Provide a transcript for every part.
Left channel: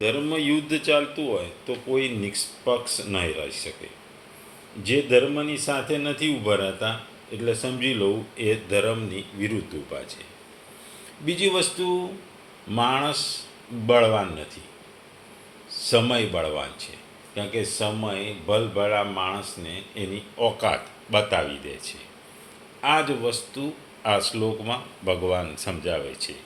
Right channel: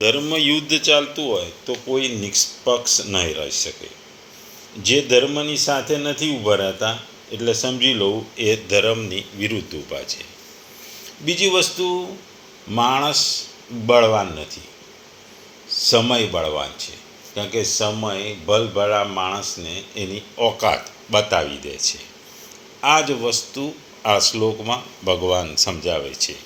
ધર્મ યુદ્ધ ચાલતું હોય તો કોઈ નિષ્પક્ષ નહીં રહી શકે. જે ધર્મની સાથે નથી ઊભા રહેતા એટલે સમજી લઉં એ ધર્મની વિરુદ્ધ ઊભા છે. બીજી વસ્તુ, માણસ બળવાન નથી, સમય બળવાન છે. કારણ કે સમય ભલભલા માણસને એની ઓકાત બતાવી દે છે. આ જ વસ્તુ આ શ્લોકમાં ભગવાન સમજાવે છે.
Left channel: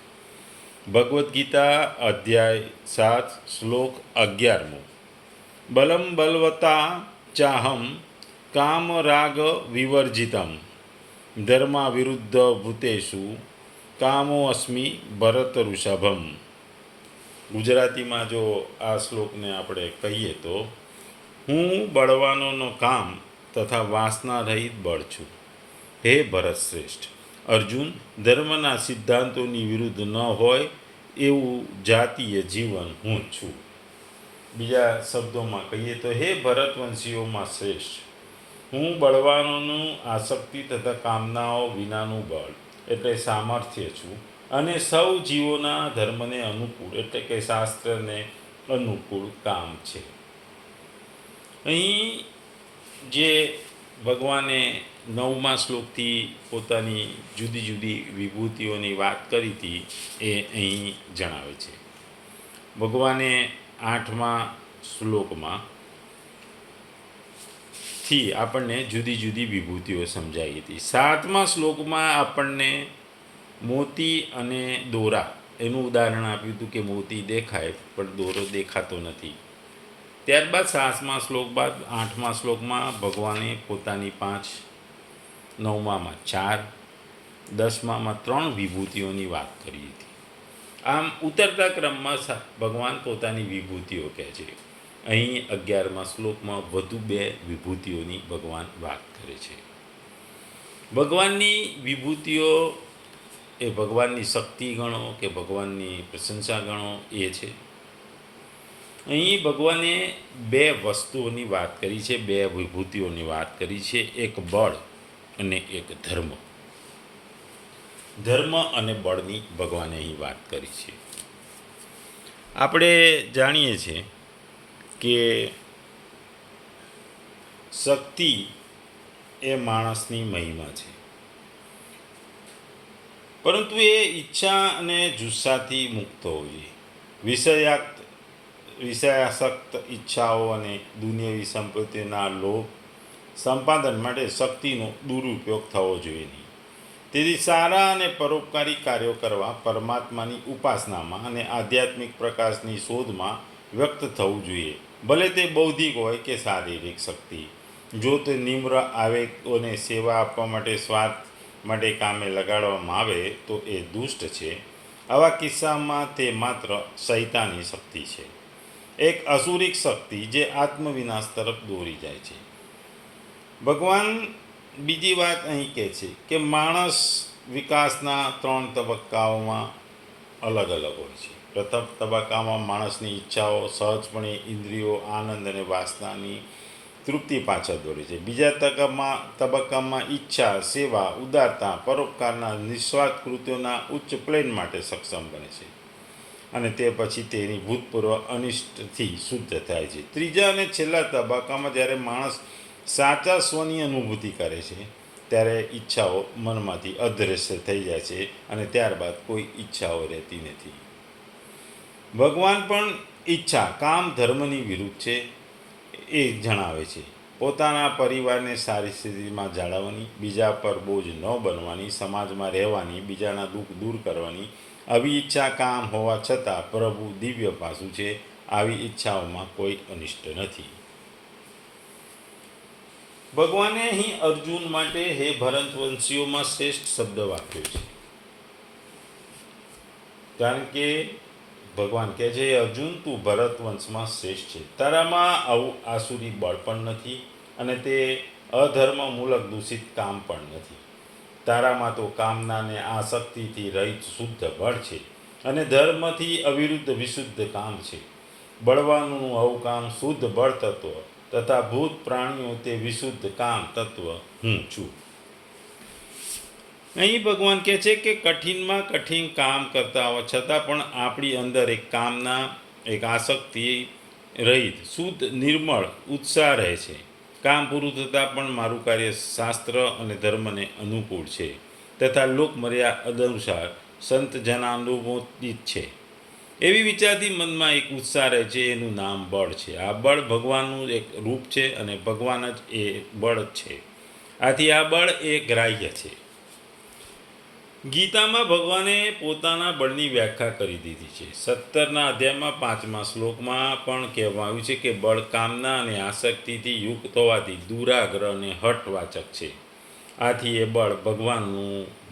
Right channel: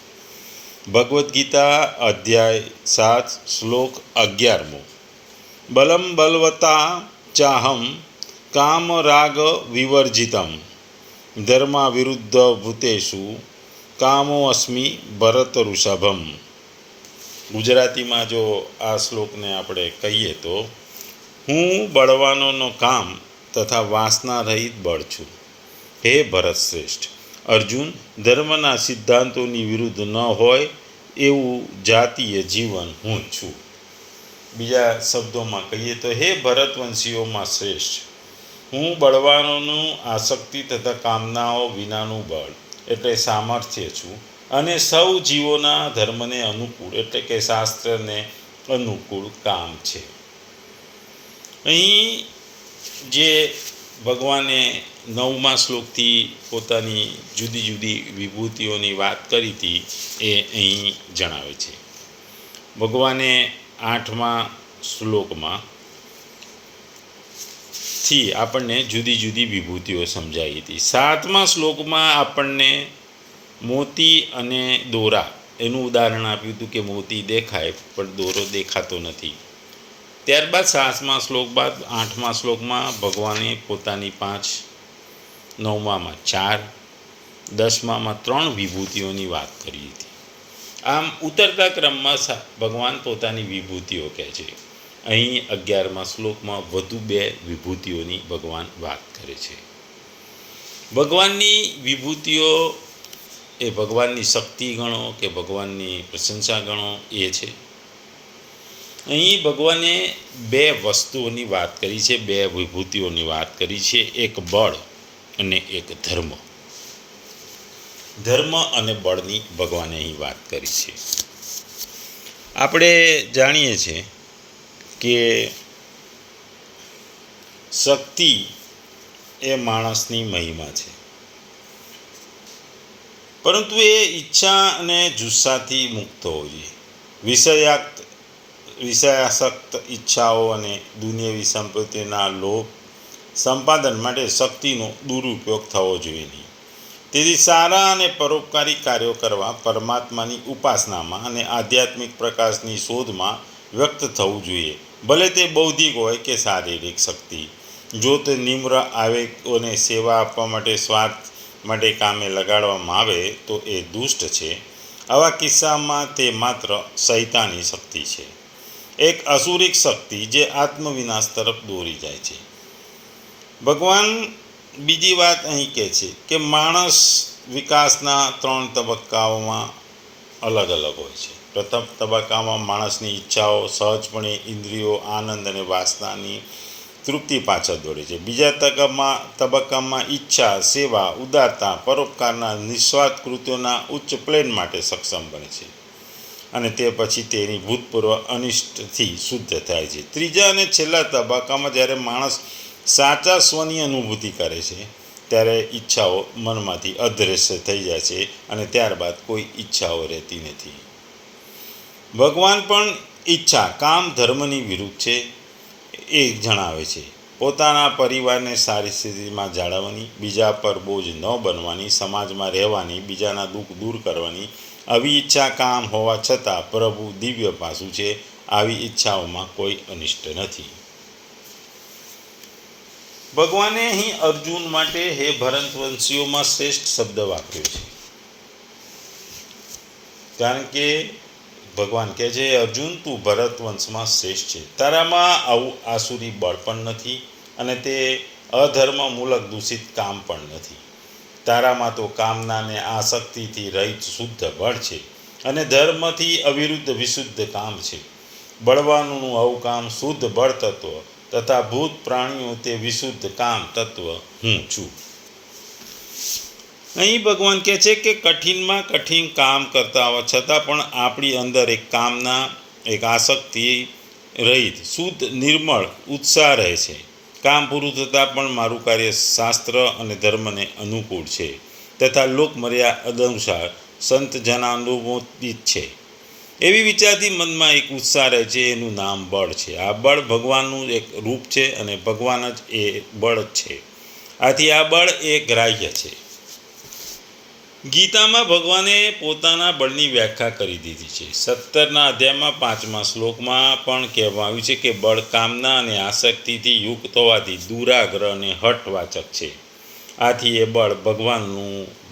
ભગવદ્ ગીતા અધ્યાય 7 શ્લોક 11. બલમ બલવતા ચાહમ કામ રાગ વિવર્જિતમ ધર્મા વિરુદ્ધ ભૂતેષુ કામો અસ્મિ ભરત ઋષભમ. ગુજરાતીમાં જો આ શ્લોકને આપણે કહીએ તો, હું બળવાનોનો કામ તથા વાસના રહિત બળ છું. હે ભરત શ્રેષ્ઠ, અર્જુન ધર્મના સિદ્ધાંતોની વિરુદ્ધ ન હોય એવું જાતીય જીવન હું છું. બીજા શબ્દોમાં કહીએ તો, હે ભરતવંશીઓમાં શ્રેષ્ઠ, હું બળવાનોનું આસક્તિ તથા કામનાઓ વિનાનું બળ એટલે સામર્થ્ય છું અને સૌ જીવોના ધર્મને અનુકૂળ એટલે કે શાસ્ત્રને અનુકૂળ કામ છે. અહીં જે ભગવાને 9મા શ્લોકથી પોતાની જુદી જુદી વિભૂતિઓની વાત કરી હતી એ અહીં જણાવે છે. ભગવાને 8મા શ્લોકમાં થી આપણને જુદી જુદી વિભૂતિઓ સમજાવી હતી. 7મા શ્લોકમાં આપણને મોતી અને દોરા એનું ઉદાહરણ આપ્યું હતું કે મોતી દેખાય પણ દોરો દેખાતો નથી. ત્યારબાદ 7મા શ્લોક બાદ 8મા શ્લોકમાં ભગવાને પોતાની 5, 9માં 4, 10માં 3 વિભૂતિઓની વાત કરી હતી. આમ ઉતરતા ક્રમમાં ભગવાન પોતાની વિભૂતિઓ કહે છે. અહીં 11મા શ્લોકમાં વધુ 2 વિભૂતિઓની ભગવાન વાત કરે છે. ભગવાનની વિભૂતિઓ એ ભગવાનની શક્તિ ગણો કે ભગવાનની પ્રશંસા ગણો એ છે. અહીં ભગવાને 2 વસ્તુઓની વાત કરી છે, 2 વિભૂતિઓની વાત કરી છે. એક બળ અને એક ધર્મ. ધર્મ અને બળની ભગવાને અહીં વાત કરી છે. આપણે જાણીએ છીએ કે શક્તિ એ માણસની મહિમા છે, પરંતુ એ ઈચ્છા અને જુસ્સાથી મુક્ત હોવી જોઈએ. વિષયાસક્ત ઈચ્છાઓ અને દુનિયાવી સંપત્તિના લોભ સંપાદન માટે શક્તિનો દુરુપયોગ થવો જોઈએ નહીં. તેથી સારા અને પરોપકારી કાર્યો કરવા પરમાત્માની ઉપાસનામાં અને આધ્યાત્મિક પ્રકાશની શોધમાં વ્યક્ત થવું જોઈએ, ભલે તે બૌદ્ધિક હોય કે શારીરિક શક્તિ. જો તે નિમ્ર આવેગોને સેવા આપવા માટે સ્વાર્થ માટે કામે લગાડવામાં આવે તો એ દુષ્ટ છે. આવા કિસ્સામાં તે માત્ર શૈતાની શક્તિ છે, એક અસુરિક શક્તિ જે આત્મવિનાશ તરફ દોરી જાય છે. ભગવાન બીજી વાત અહીં કહે છે કે માણસ વિકાસના 3 તબક્કાઓમાં અલગ અલગ હોય છે. પ્રથમ તબક્કામાં માણસની ઈચ્છાઓ સહજપણે ઇન્દ્રિયો, આનંદ અને વાસનાની તૃપ્તિ પાછળ દોડે છે. બીજા તબક્કામાં ઈચ્છા, સેવા, ઉદારતા, પરોપકારના નિસ્વાર્થ કૃત્યોના ઉચ્ચ પ્લેન માટે સક્ષમ બને છે અને તે પછી તેની ભૂતપૂર્વ અનિષ્ટથી શુદ્ધ થાય છે. ત્રીજા અને છેલ્લા તબક્કામાં જ્યારે માણસ સાચા સ્વની અનુભૂતિ કરે છે ત્યારે ઈચ્છાઓ મનમાંથી અદૃશ્ય થઈ જાય છે અને ત્યારબાદ કોઈ ઈચ્છાઓ રહેતી નથી. ભગવાન પણ ઈચ્છા કામ ધર્મની વિરુદ્ધ છે એ જણાવે છે. પોતાના પરિવારને સારી સ્થિતિમાં જાળવવાની, બીજા પર બોજ ન બનવાની, સમાજમાં રહેવાની, બીજાના દુઃખ દૂર કરવાની આવી ઈચ્છા કામ હોવા છતાં પ્રભુ દિવ્ય પાસું છે. આવી ઈચ્છાઓમાં કોઈ અનિષ્ટ નથી. ભગવાને અહીં અર્જુન માટે હે ભરતવંશીઓમાં શ્રેષ્ઠ શબ્દ વાપર્યો છે. કારણ કે ભગવાન કહે છે, અર્જુન તું ભરતવંશમાં શ્રેષ્ઠ છે. તારામાં આવું આસુરી બળ પણ નથી અને તે અધર્મ મૂલક દૂષિત કામ પણ નથી. તારામાં તો કામનાને આસક્તિથી રહિત શુદ્ધ બળ છે અને ધર્મથી અવિરુદ્ધ વિશુદ્ધ કામ છે. બળવાનોનું આવું કામ શુદ્ધ બળ તત્વ તથા ભૂત પ્રાણીઓ તે વિશુદ્ધ કામ તત્વ હું છું. અહીં ભગવાન કહે છે કે કઠિનમાં કઠિન કામ કરતા હોવા છતાં પણ આપણી અંદર એક કામના એક આસક્તિ રહિત શુદ્ધ નિર્મળ ઉત્સાહ રહે છે. કામ પૂરું થતાં પણ મારું કાર્ય શાસ્ત્ર અને ધર્મને અનુકૂળ છે તથા લોકમર્યાદા અનુસાર સંત જનાનુમોદિત છે. એવી વિચારથી મનમાં એક ઉત્સાહ રહે છે. એનું નામ બળ છે. આ બળ ભગવાનનું એક રૂપ છે અને ભગવાન જ એ બળ છે. આથી આ બળ એ ગ્રાહ્ય છે. ગીતામાં ભગવાને પોતાના બળની વ્યાખ્યા કરી દીધી છે. 17ના અધ્યાયમાં 5મા શ્લોકમાં પણ કહેવામાં આવ્યું છે કે બળ કામના અને આસક્તિથી યુક્ત હોવાથી દુરાગ્રહ અને હઠવાચક છે. આથી એ બળ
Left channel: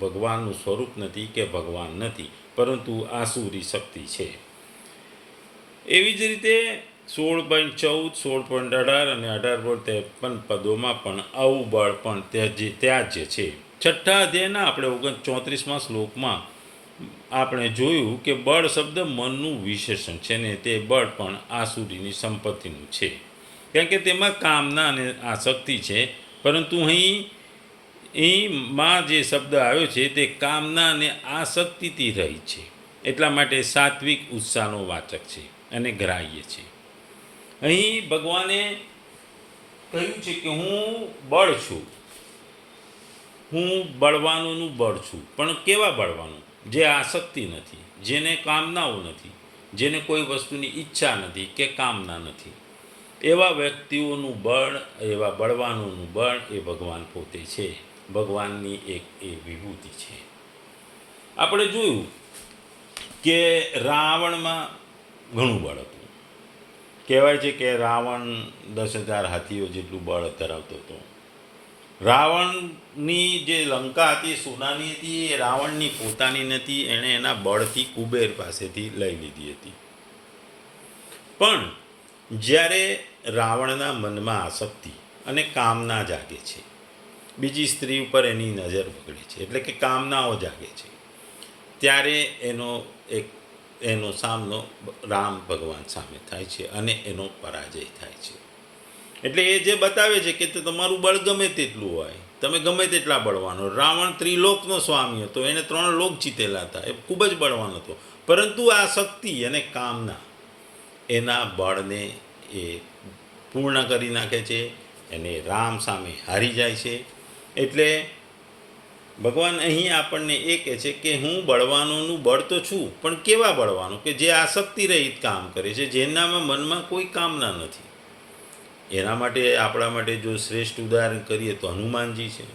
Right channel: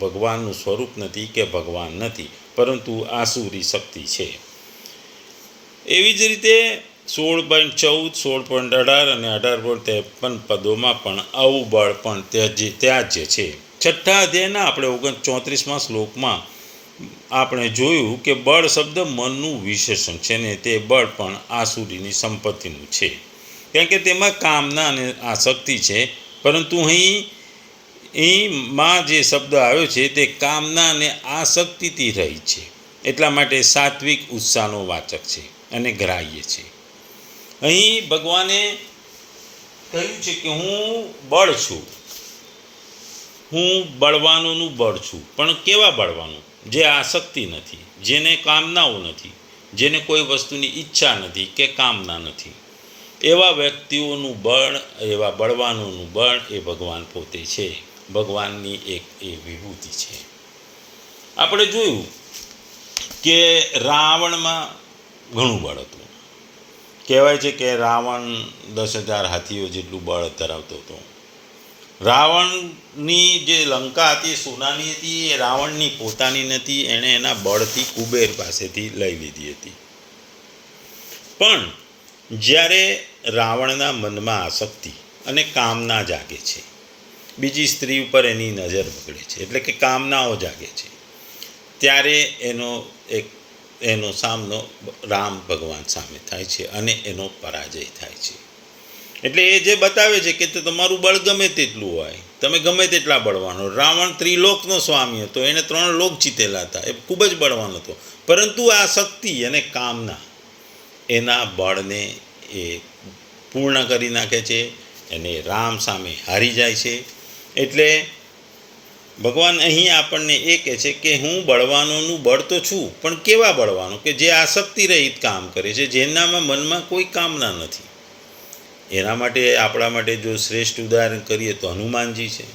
ભગવાનનું સ્વરૂપ નથી કે ભગવાન નથી, પરંતુ આસુરી શક્તિ છે. એવી જ રીતે 16.14, 16.18 અને 18.53 પદોમાં પણ આવું બળ પણ ત્યાજ્ય છે. 6ઠ્ઠા અધ્યાયના આપણે 34મા શ્લોકમાં આપણે જોયું કે બળ શબ્દ મનનું વિશેષણ છે ને તે બળ પણ આસુરીની સંપત્તિનું છે, કારણ કે તેમાં કામના અને આસક્તિ છે. પરંતુ અહીંમાં જે શબ્દ આવ્યો છે તે કામના અને આસક્તિથી રહી છે, એટલા માટે સાત્વિક ઉત્સાહનો વાચક છે અને ગ્રાહ્ય છે. અહીં ભગવાને કહ્યું છે કે હું બળ છું, હું બળવાનોનું બળ છું. પણ કેવા બળવાનો? જે આસક્તિ નથી, જેને કામનાઓ નથી, જેને કોઈ વસ્તુની ઈચ્છા નથી કે કામના નથી, એવા વ્યક્તિઓનું બળ, એવા બળવાનોનું બળ એ ભગવાન પોતે છે. ભગવાનની એક એ વિભૂતિ છે. આપણે જોયું કે રાવણમાં ઘણું બળ હતું. કહેવાય છે કે રાવણ 10,000 હાથીઓ જેટલું બળ ધરાવતો હતો. રાવણની જે લંકા હતી સોનાની હતી, એ રાવણની પોતાની નથી, એણે એના બળથી કુબેર પાસેથી લઈ લીધી હતી. પણ જ્યારે રાવણના મનમાં આસક્તિ અને કામના જાગે છે, બીજી સ્ત્રી ઉપર એની નજર પકડે છે, એટલે કે કામનાઓ જાગે છે, ત્યારે એનો સામનો રામ ભગવાન સામે થાય છે અને એનો પરાજય થાય છે. એટલે એ જે બતાવે છે કે તમારું બળ ગમે તેટલું હોય, તમે ગમે તેટલા બળવાનો. રાવણ ત્રિલોકનો સ્વામી હતો, એણે 3 લોક જીતેલા હતા, એ ખૂબ જ બળવાન હતો. પરંતુ આ શક્તિ અને કામના એના બળને એ પૂર્ણ કરી નાખે છે, અને રામ સામે હારી જાય છે. એટલે ભગવાન અહીં આપણને એ કહે છે કે હું બળવાનોનું બળ તો છું, પણ કેવા બળવાનો? કે જે આસક્તિ રહિત કામ કરે છે, જેનામાં મનમાં કોઈ કામના નથી. એના માટે આપણા માટે જો શ્રેષ્ઠ ઉદાહરણ કરીએ તો હનુમાનજી છે.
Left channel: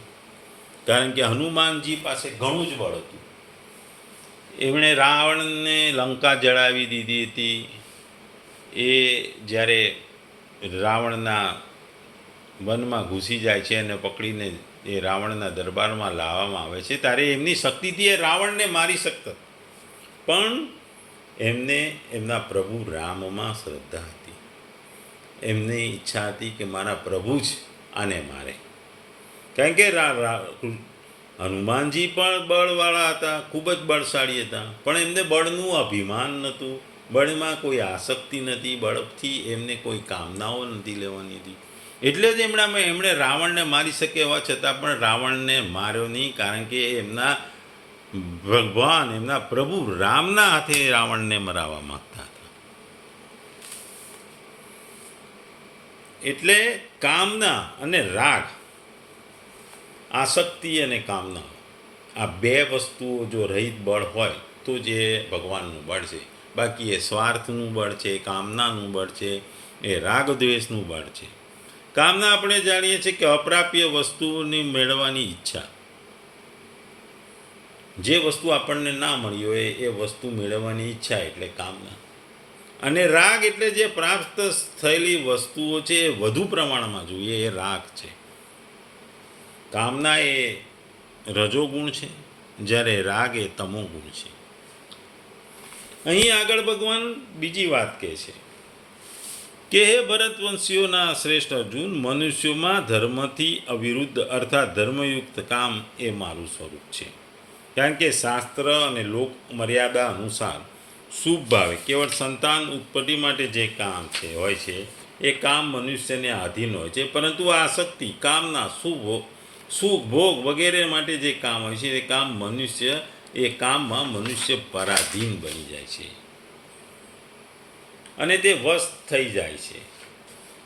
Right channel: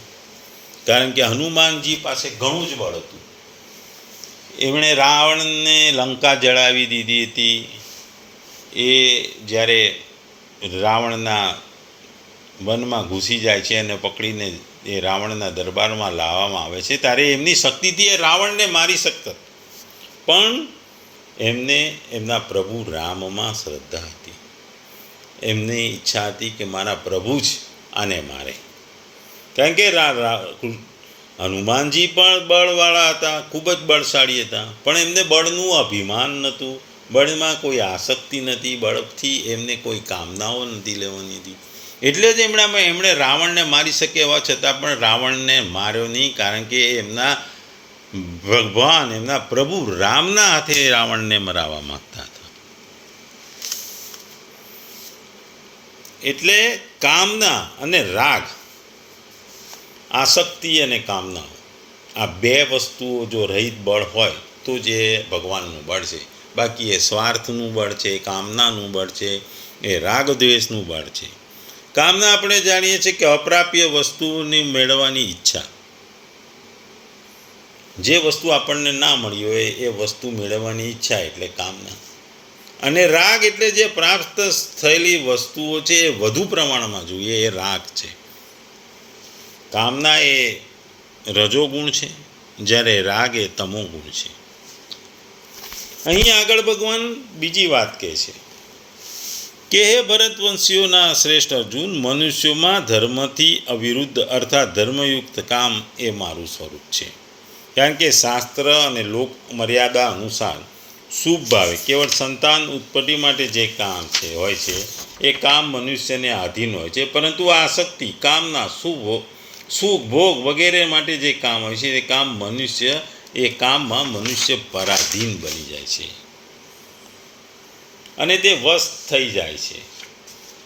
કારણ કે હનુમાનજી પાસે ઘણું જ બળ હતું. એમણે રાવણને લંકા જળાવી દીધી હતી. એ જ્યારે રાવણના વનમાં ઘૂસી જાય છે અને પકડીને એ રાવણના દરબારમાં લાવવામાં આવે છે, ત્યારે એમની શક્તિથી એ રાવણને મારી શકતા, પણ એમને એમના પ્રભુ રામમાં શ્રદ્ધા હતી. એમની ઈચ્છા હતી કે મારા પ્રભુ જ આને મારે. કારણ કે હનુમાનજી પણ બળવાળા હતા, ખૂબ જ બળશાળી હતા, પણ એમને બળનું અભિમાન નહોતું, બળમાં કોઈ આસક્તિ નથી, બળથી એમને કોઈ કામનાઓ નથી લેવાની હતી. એટલે જ એમણે રાવણને મારી શકે એવા છતાં પણ રાવણને માર્યો નહીં, કારણ કે એમના ભગવાન, એમના પ્રભુ રામના હાથે રાવણને મરાવવા માગતા હતા. એટલે કામના અને રાગ, આસક્તિ અને કામના, આ 2 વસ્તુઓ જો રહિત બળ હોય તો જ એ ભગવાનનું બળ છે. બાકી એ સ્વાર્થનું બળ છે, કામનાનું બળ છે, એ રાગ દ્વેષનું બળ છે. કામના આપણે જાણીએ છીએ કે અપ્રાપ્ય વસ્તુની મેળવવાની ઈચ્છા, જે વસ્તુ આપણને ના મળી હોય એ વસ્તુ મેળવવાની ઈચ્છા, એટલે કામના. અને રાગ એટલે જે પ્રાપ્ત થયેલી વસ્તુઓ છે એ વધુ પ્રમાણમાં જોઈએ, એ રાગ છે. કામના એ રજોગુણ છે, જ્યારે રાગ એ તમોગુણ છે. અહીં આગળ ભગવાન બીજી વાત કહે છે કે હે ભરતવંશીઓના શ્રેષ્ઠ અર્જુન, મનુષ્યોમાં ધર્મથી અવિરુદ્ધ અર્થાત ધર્મયુક્ત કામ એ મારું સ્વરૂપ છે. કારણ કે શાસ્ત્ર અને લોક મર્યાદા અનુસાર શુભ ભાવે કેવળ સંતાન ઉત્પત્તિ માટે જે કામ હોય છે એ કામ મનુષ્યને આધીન હોય છે. પરંતુ આ આસક્તિ, કામના, સુખ ભોગ વગેરે માટે જે કામ હોય છે એ કામમાં મનુષ્ય પરાધીન બની જાય છે. અને તે વશ થઈ જાય છે.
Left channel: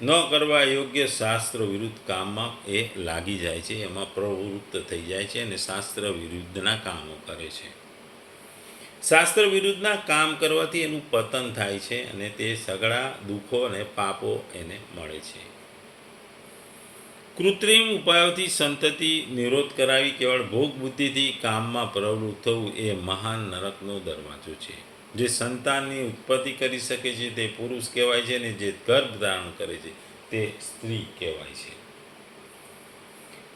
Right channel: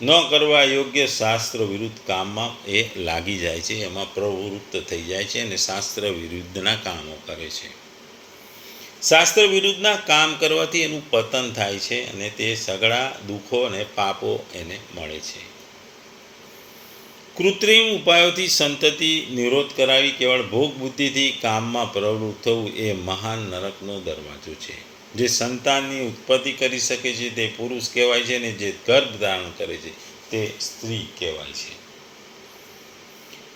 ન કરવા યોગ્ય શાસ્ત્ર વિરુદ્ધ કામમાં એ લાગી જાય છે, એમાં પ્રવૃત્ત થઈ જાય છે અને શાસ્ત્ર વિરુદ્ધના કામો કરે છે. શાસ્ત્ર વિરુદ્ધના કામ કરવાથી એનું પતન થાય છે અને તે સઘળા દુઃખો અને પાપો એને મળે છે. કૃત્રિમ ઉપાયોથી સંતતિ નિરોધ કરાવી કેવળ ભોગ બુદ્ધિથી કામમાં પ્રવૃત્ત થવું એ મહાન નરકનો દરવાજો છે. જે સંતાનની ઉત્પત્તિ કરી શકે છે તે પુરુષ કહેવાય છે અને જે ગર્ભ ધારણ કરે છે તે સ્ત્રી કહેવાય છે.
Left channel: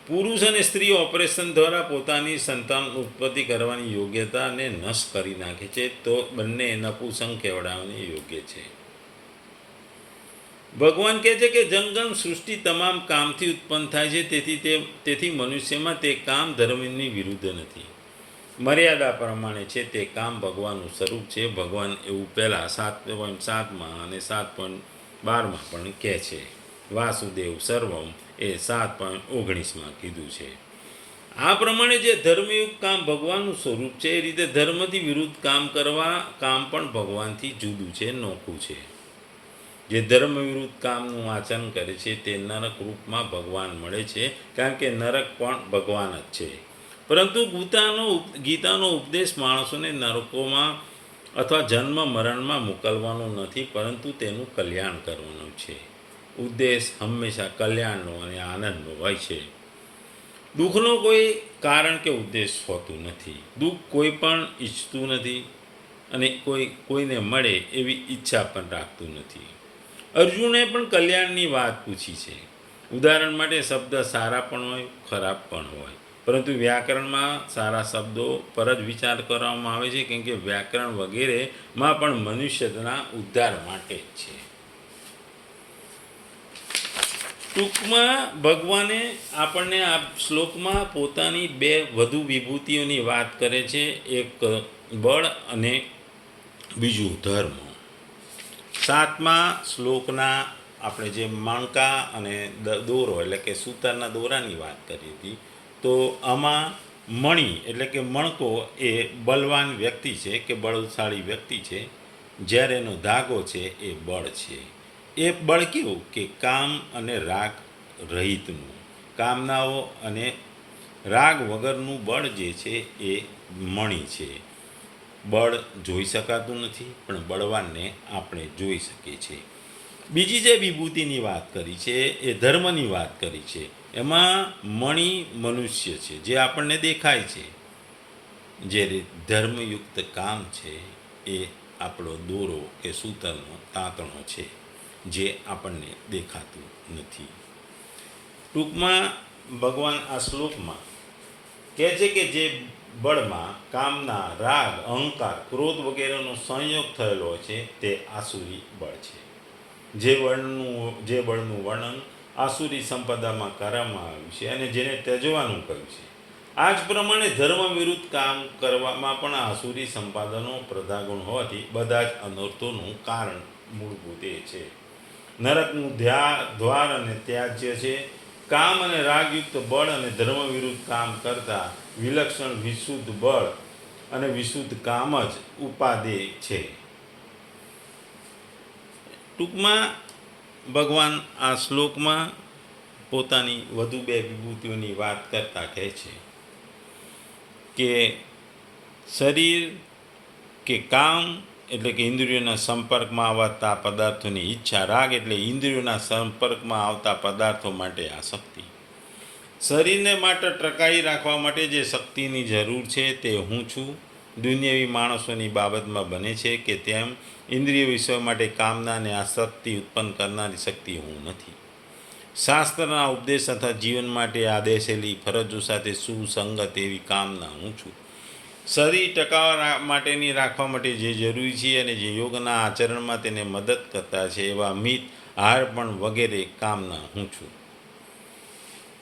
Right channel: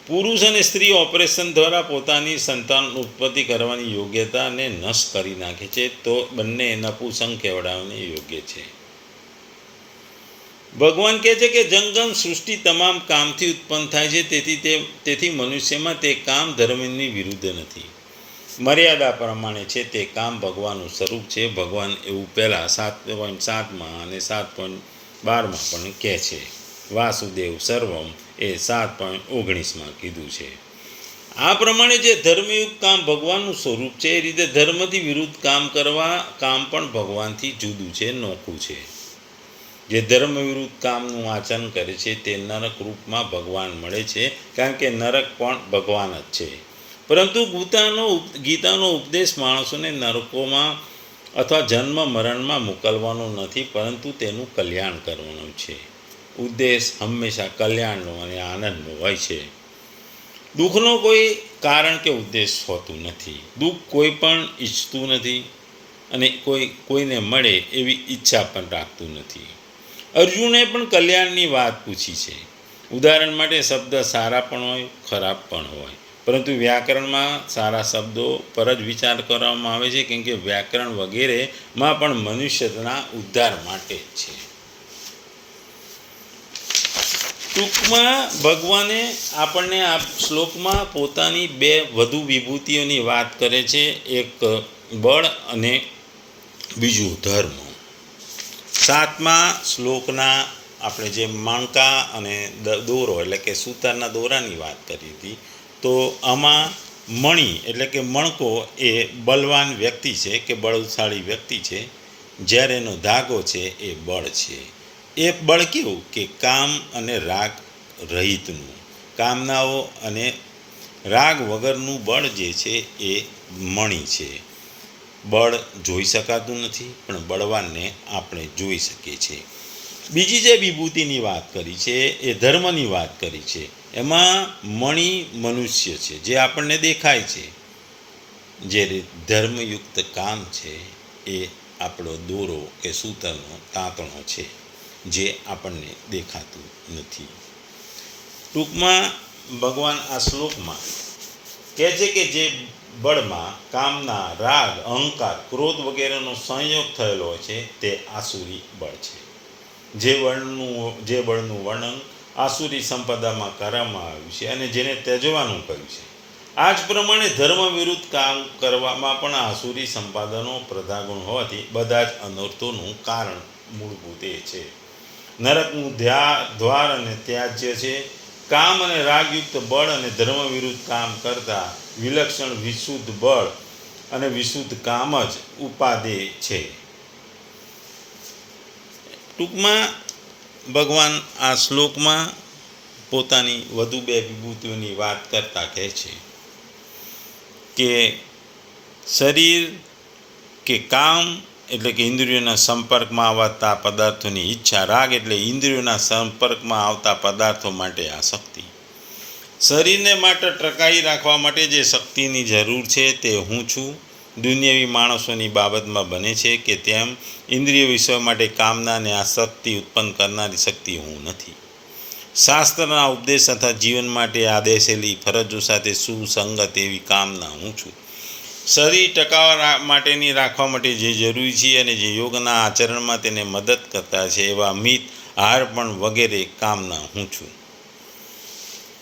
પુરુષ અને સ્ત્રી ઓપરેશન દ્વારા પોતાની સંતાન ઉત્પત્તિ કરવાની યોગ્યતાને નષ્ટ કરી નાખે છે, તો બંને નપુંસક કહેવડાવવાને યોગ્ય છે. ભગવાન કહે છે કે જંગમ સૃષ્ટિ તમામ કામથી ઉત્પન્ન થાય છે, તેથી મનુષ્યમાં તે કામ ધર્મની વિરુદ્ધ નથી. મર્યાદા પ્રમાણે છે તે કામ ભગવાનનું સ્વરૂપ છે. ભગવાન એવું પહેલાં 7.7માં અને 7.12માં પણ કહે છે. વાસુદેવ સર્વમ એ 7.19માં કીધું છે. આ પ્રમાણે જે ધર્મયુક્ત કામ ભગવાનનું સ્વરૂપ છે, એ રીતે ધર્મથી વિરુદ્ધ કામ કામ પણ ભગવાનથી જુદું છે, નોખું છે. જે ધર્મ વિરુદ્ધ કામનું આચરણ કરે છે તે નરક રૂપમાં ભગવાન મળે છે, કારણ કે નરક પણ ભગવાન જ છે. પરંતુ ગીતાનો ઉપદેશ માણસોને નરકોમાં અથવા જન્મ મરણમાં મોકલવાનો નથી, પરંતુ તેનું કલ્યાણ કરવાનું છે. ઉદ્દેશ હંમેશા કલ્યાણનો અને આનંદનો હોય છે. દુઃખનો કોઈ કારણ કે ઉદ્દેશ હોતું નથી. દુઃખ કોઈ પણ ઈચ્છતું નથી અને કોઈને મળે એવી ઈચ્છા પણ રાખતું નથી. અર્જુને પણ કલ્યાણની વાત પૂછી છે. ઉદાહરણ માટે શબ્દ સારા પણ હોય, ખરાબ પણ હોય, પરંતુ વ્યાકરણમાં સારા શબ્દો પર જ વિચાર કરવામાં આવે છે, કેમ કે વ્યાકરણ વગેરેમાં પણ મનુષ્યના ઉદ્ધાર માટે જ છે. ટૂંકમાં ભગવાને આપણને આ શ્લોકમાં પોતાની બે વધુ વિભૂતિઓની વાત કરે છે, એક બળ અને બીજું ધર્મ. 7મા શ્લોકના આપણે જે મણકા અને દોરો એટલે કે સૂતરના દોરાની વાત કરી હતી, તો આમાં મણી એટલે કે મણકો એ બલવાન વ્યક્તિ છે કે બળશાળી વ્યક્તિ છે, જ્યારે એનો ધાગો છે એ બળ છે. એ બળ કેવું કે કામ અને રાગ રહિતનું, કામનાઓ અને રાગ વગરનું બળ જે છે એ મણી છે. બળ જોઈ શકાતું નથી, પણ બળવાનને આપણે જોઈ શકીએ છીએ. બીજી જે વિભૂતિની વાત કરી છે એ ધર્મની વાત કરી છે. એમાં મણી મનુષ્ય છે, જે આપણને દેખાય છે, જ્યારે ધર્મયુક્ત કામ છે એ આપણો દોરો કે સૂતરનો તાંતણો છે, જે આપણને દેખાતું નથી. ટૂંકમાં ભગવાન આ શ્લોકમાં કહે છે કે જે બળમાં કામના, રાગ, અહંકાર, ક્રોધ વગેરેનો સંયોગ થયેલો છે તે આસુરી બળ છે. જે બળનું વર્ણન આસુરી સંપદામાં કરવામાં આવ્યું છે અને જેને ત્યજવાનું કહ્યું છે. આ જ પ્રમાણે ધર્મ વિરુદ્ધ કામ કરવામાં પણ આસુરી સંપાદનો પ્રધાગુણ હોવાથી બધા જ અનર્થોનું કારણ મૂળભૂત એ છે. નરકનું દ્વાર અને ત્યાજ્ય છે. કામ અને રાગયુક્ત બળ અને ધર્મ વિરુદ્ધ કામ કરતા વિલક્ષણ વિશુદ્ધ બળ અને વિશુદ્ધ કામ જ ઉપાદેય છે. ટૂંકમાં ભગવાન આ શ્લોકમાં પોતાની વધુ બે વિભૂતિઓની વાત કરતા કહે છે કે શરીર કે કામ એટલે કે ઇન્દ્રિયોના સંપર્કમાં આવતા પદાર્થોની ઈચ્છા, રાગ એટલે ઇન્દ્રિયોના સંપર્કમાં આવતા પદાર્થો માટે આસક્તિ. શરીરને માટે ટકાવી રાખવા માટે જે શક્તિની જરૂર છે તે હું છું. દુનિયાવી માણસોની બાબતમાં બને છે કે તેમ ઇન્દ્રિય વિષયો માટે કામના અને આસક્તિ ઉત્પન્ન કરનારી શક્તિ હું નથી. શાસ્ત્રના ઉપદેશ તથા જીવન માટે આદેશેલી ફરજો સાથે સુસંગત એવી કામના હું છું. શરીર ટકાવવા માટેની રાખવા માટે જે જરૂરી છે અને જે યોગના આચરણમાં તેને મદદ કરતા છે એવા મિત, આહાર પણ વગેરે કામના હું છું.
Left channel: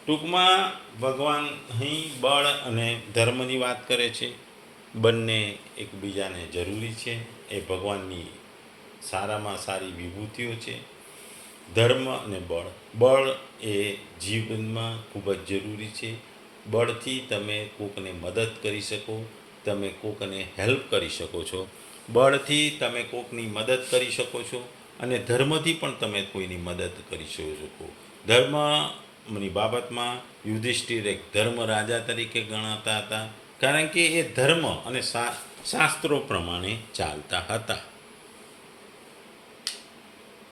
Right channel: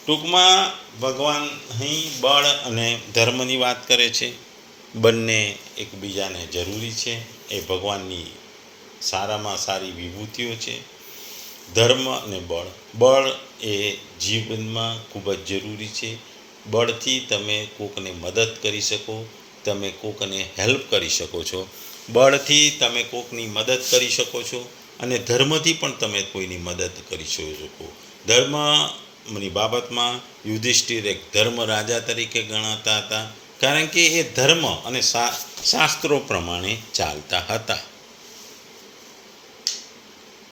ટૂંકમાં ભગવાન અહીં બળ અને ધર્મની વાત કરે છે. બંને એકબીજાને જરૂરી છે. એ ભગવાનની સારામાં સારી વિભૂતિઓ છે. ધર્મ અને બળ એ જીવનમાં ખૂબ જ જરૂરી છે. બળથી તમે કોકને મદદ કરી શકો, તમે કોકને હેલ્પ કરી શકો છો. બળથી તમે કોકની મદદ કરી શકો છો, અને ધર્મથી પણ તમે કોઈની મદદ કરી શકો. ધર્મની બાબતમાં યુધિષ્ઠિર એક ધર્મ રાજા તરીકે ગણાતા હતા, કારણ કે એ ધર્મ અને શાસ્ત્રો પ્રમાણે ચાલતા હતા.